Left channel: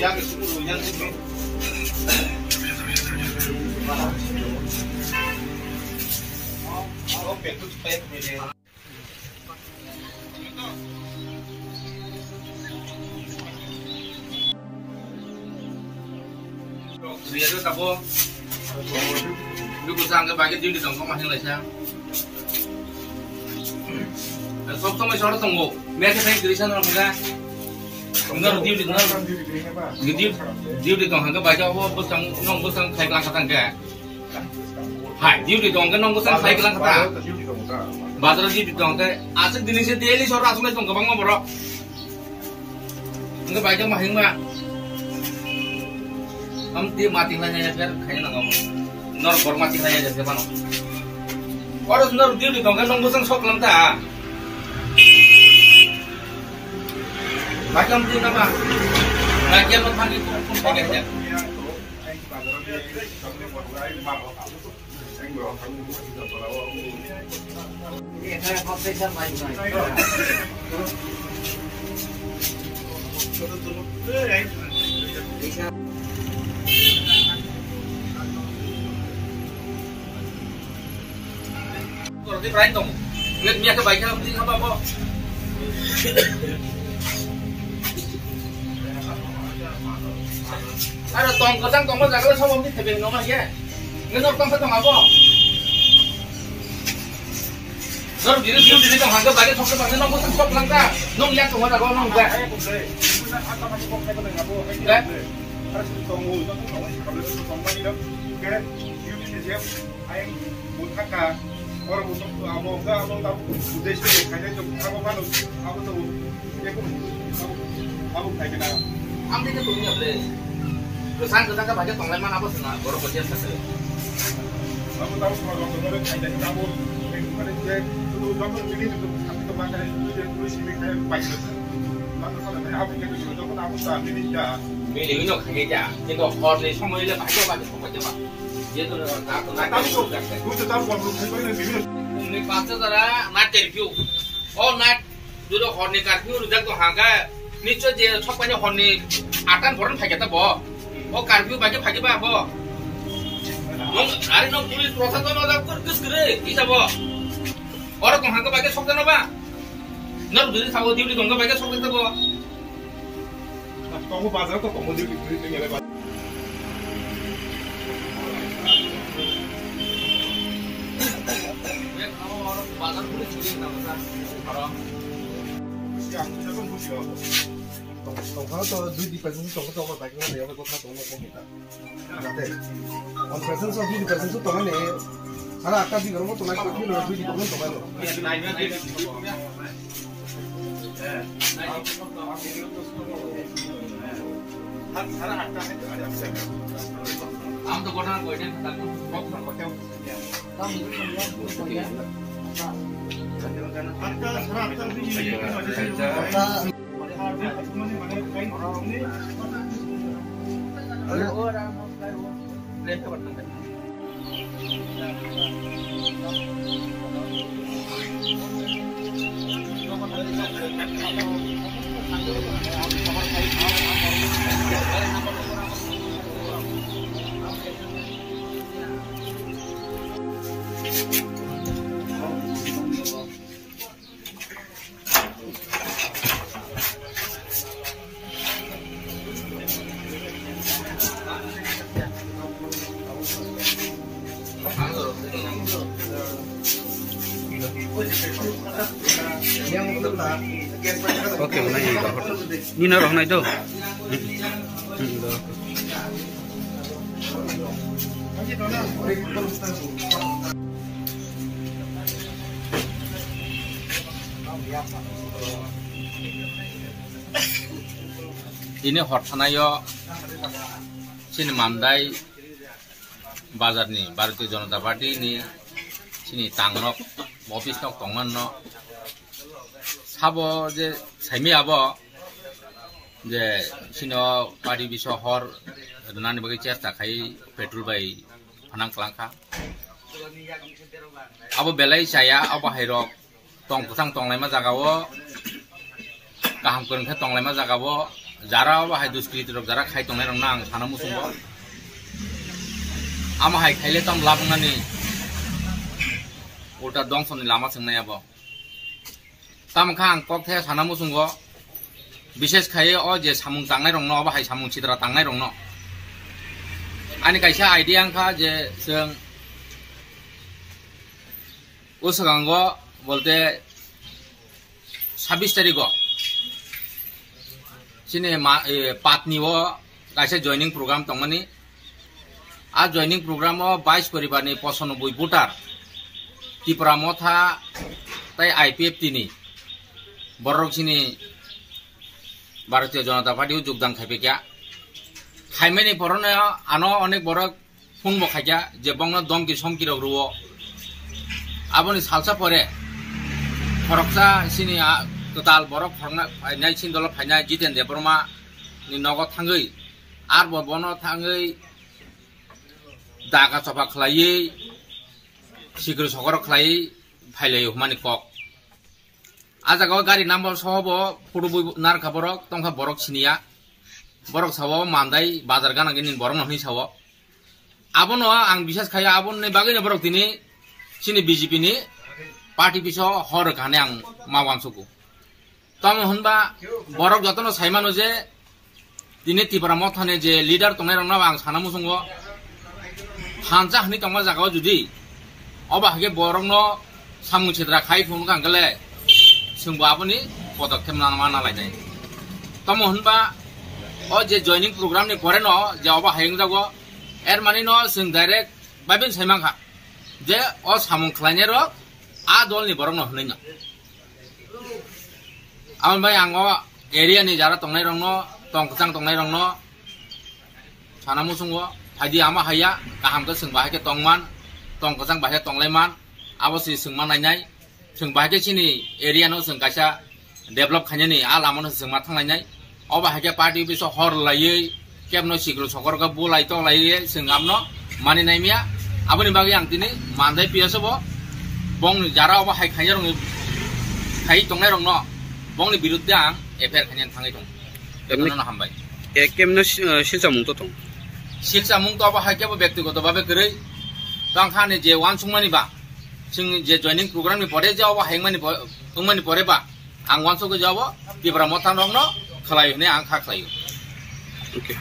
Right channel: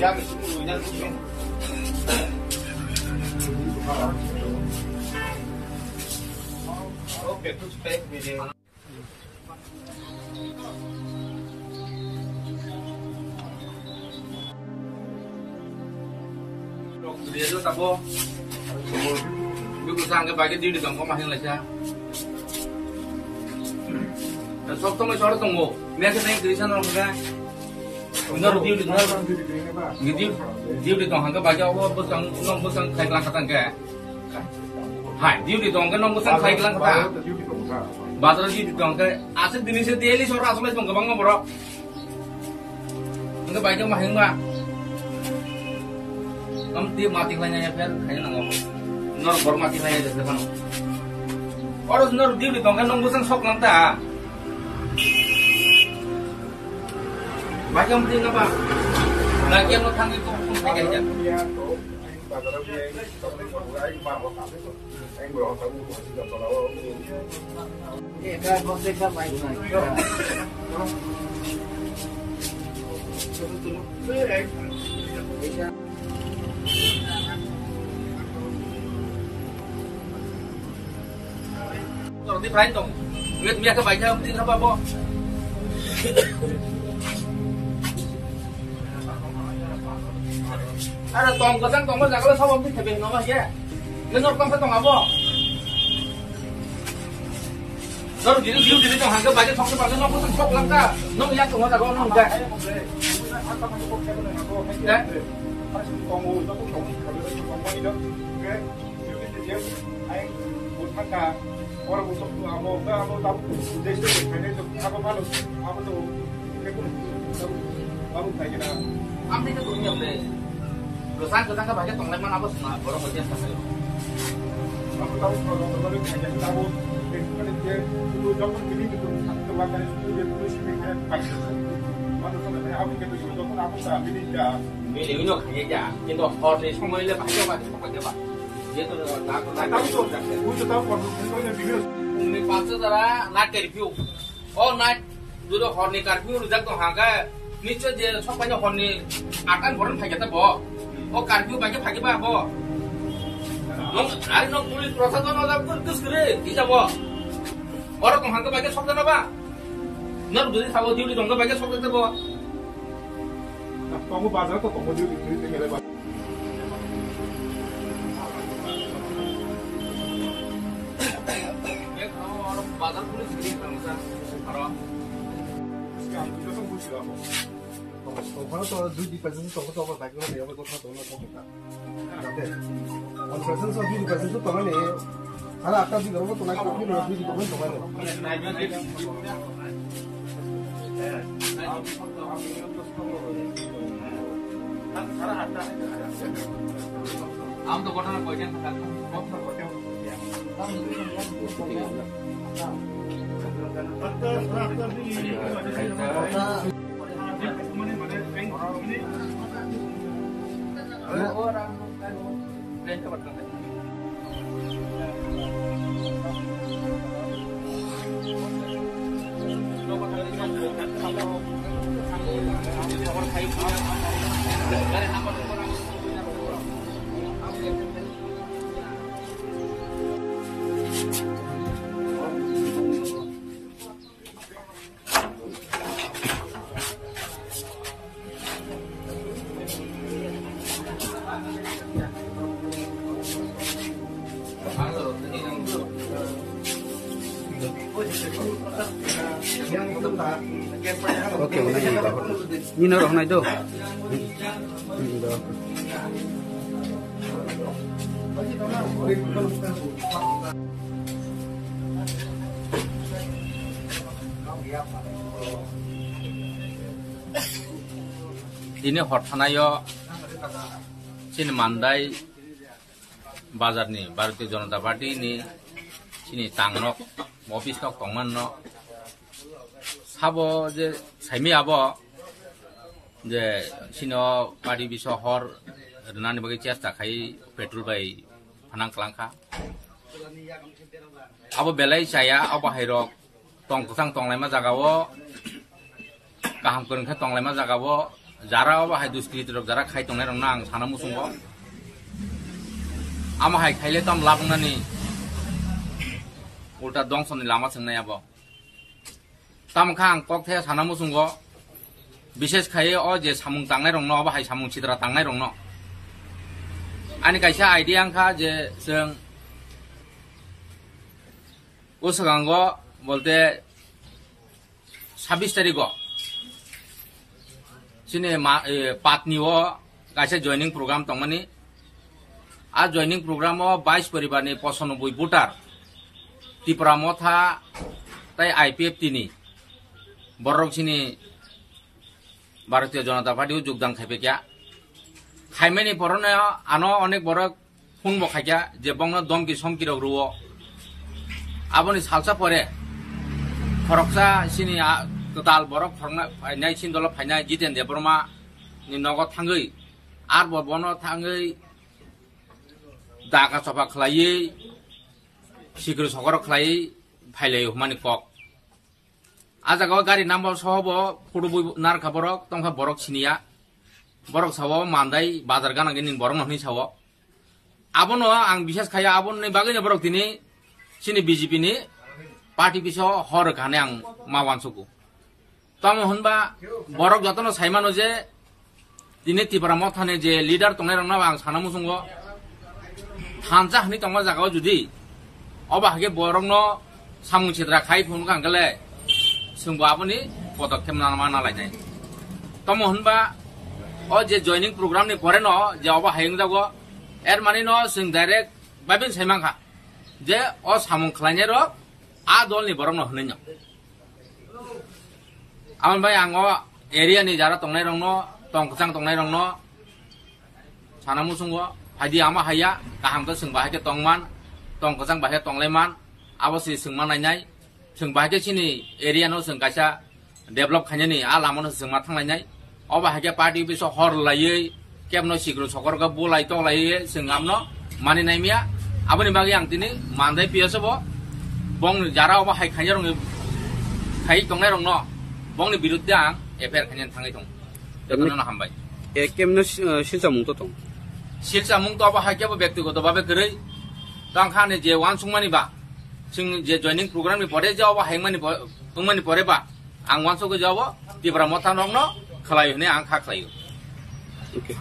Dia tu tak boh. Dulu sang ke bagian dia di dalam kamar yang lain. Sob tu macam orang tunggu. Mereka saya tulisan orang muda. Enggak dia di dalam. Dia di dalam ke bagian apa busang nong busang kai kelang katang ke. Hai dia di dalam ke nong busang kai kelang katang. Baterai dia di dalam ke. Asal jenis dia ni seorang asal itu nggak borok. Enggak bagian mahing mah. Dia mati hanya ya biar kayaknya nggak nor mati hanya jadi mana orang nor dia di tongkat nong busang sok lanta macam dia apa lagi yang mau itu pun pakai aja ini ada konteksnya macam di Brian tong, lihat kebaikan mesti apa apa. Ada tong kesang tong kesang kalau sama mesti tebing nama ya, ngenor tong tong apa? Nor diri tong hangga bagian tong kesang nong kesang sok langka, nong yang tong ada kau nong gak? Orang untuk amo enggak amo tahu sudah sudah kayaknya itu apa malu apa tuh kamu kayak gimana ambil ke dunia deh kesang kan banyak tongleman apa sih borong bagian saya aku tahu kalau betul kayak tahu gimana dia dulu bangun ini itu makan itu dia terus ini kayak pagi mana sampai aku kayak begitu tuh aku tak ini dah milih ini kayak aja itu order semua ini pakai apa dia tu nak tahu tu, aku tahu kalau kita ni video. Umi pasal cara nak review. Oh nak dulu horny review rujak tu hangga. Ni cuci dia sok banyak horny akan boran pakai tak boh. Oh review pakai bah boh. Nong hari nong tulis proses tu nong terus kere, bisa boh. Orang tu hangga pakai sok tak napa? Nor dulu tahu dia dongga pakai sok tak boh. Nah, kamu pasal tu kamu di tinggal. Bazar boleh jadi nama sah, kalau yang kita kan boleh apa? Tongkang tu dua di persen tu tongkang tu apa baik orang dia apa kau tahu tongkang kita, kata, 1% so 2% tu tongkang ni, kalau akar di kalau tongkang tu ni dua di tongkang tongkang tu. Am tu kau nak kau jangan kata kau tak kau tahu. Kamu itu semua kau Oke, mana yang bawa? Ini naruh na itu. Ini hortanayo sini Mandai bazar ni Bharatiya Janata Party ni sini tangnok office nok tongman no sabo je saimi abo je sino party biso hor nani bagi chesta khai petrol bai phanang klangkha abo belai saya abo hairok tong kusang tonglai ma jagao kaham kun kha tonglai ma jagao jara bahay duskrit rok jara khai tongnai rok na ang sana musungo ama hai khaile tam labnani ulta dongsoni lama swngnai abo tam khang kok the sana musungo বিশেষ খায়ে ও যে সামুং তাংনাই রং ন বাহাই সামুং চিত্রা তাংনাই রং ন আনি কাইসা আইডিয়া আংখা যে जों उसगांग बोलते 26 तारीख सिने पातनी वो काइसा जॉइनिंग प्रोग्राम तंगमानी आ जॉइनिंग प्रोग्राम 22 परिवार नि 95 भोटार त्रिपुरा मथा ताई आईपीएफ तिनी बरक सिनी भारतीय जनता पार्टी योगदान खाइपेकिया खाइमेनि परने आनो अनेक बरक फुन बखाइया जे बंग दमकि समकि रग रुओ आबनि सालसा परे फरकसा सिनि कताल बरक फरना फाइनाय सिन्दल फाइनाय जितेन देबरमा नि नगद थांगै आर बबनो थांगै दागा सफा खलायै सिग्र सगर खलायै फाइलै हुमानि कक आजागाव गारि नाम्बार सहबो फटो नार खाबरक तंखा बरक सिनिया बरक सावो मान्दाय बाजार गानांगिनि बरक नहनि सावो आबनो आं बिसास खाया आबननि बागैनो बरक दिनि सिनि बीजेपी नि पार्टी पिसो हर गाने आं मावानसुकु तम होनबा बरक जतनो साइमानो जे दिनि त्रिपुरा मथाने जे लिडार तंनाय रंना आं साना मुसुंगो हानजा हनि तंगा जागाव जुदि अबा हागे बरकनो सामुं छिद्रा खाइ फुन गांगले जोंबो आबनि पदक्षेप लाना लायनाय तम होनबा ओ जे जॉइनिंग प्रोग्राम नि परे न जे अबा हायं जागो एर माने न जों डाइरेक्ट बाबिन साइमाखा जे ओ सामुं खलायनाय र आ दलनि बरक न हनै न आमन भाई आंगो एरिया नि जारा तंनाय रंग न तंगचां तंनाय रंग न साना मुसुंगो फाइदि आमा हाया गाहामखौ जों बाहायके तंगमान तंगचां बाहाय तंलायमान आबसि जोंमा नायनाय जों बाहायके सिनि एरिया न जों गायसा डेभलप खायनायनि आ लामानो जोंमा थांलायनाय अबा हायके पार्टी बिसो हर लायै केबनो सिग्रु सकरगा बुलाय तो लायै जों आमनो मानिनाय मिया आबनि बागै आं दिनै मानदाय पियासबो बं जारा अबा हाय खायनाय रंग खाय तंनाय रंग न बंनि बिरुद्धे आं एफआईआर खायनाय थाङै दं बेखौनो हामबाय ए केमनो शिक्षा मुंतो दं शिक्षा मुंतो अबा हायकेबो व्यक्तिगत भाबे गरै तंखाने जे वानसुंमानि बा जों जे जॉइनिंग प्रोग्राम नि परे जावबा हायमानि परे बा आं वानसुंगो जावो त्रिपुरा मथा रंग न खलाय होने आं खा खलायो ओके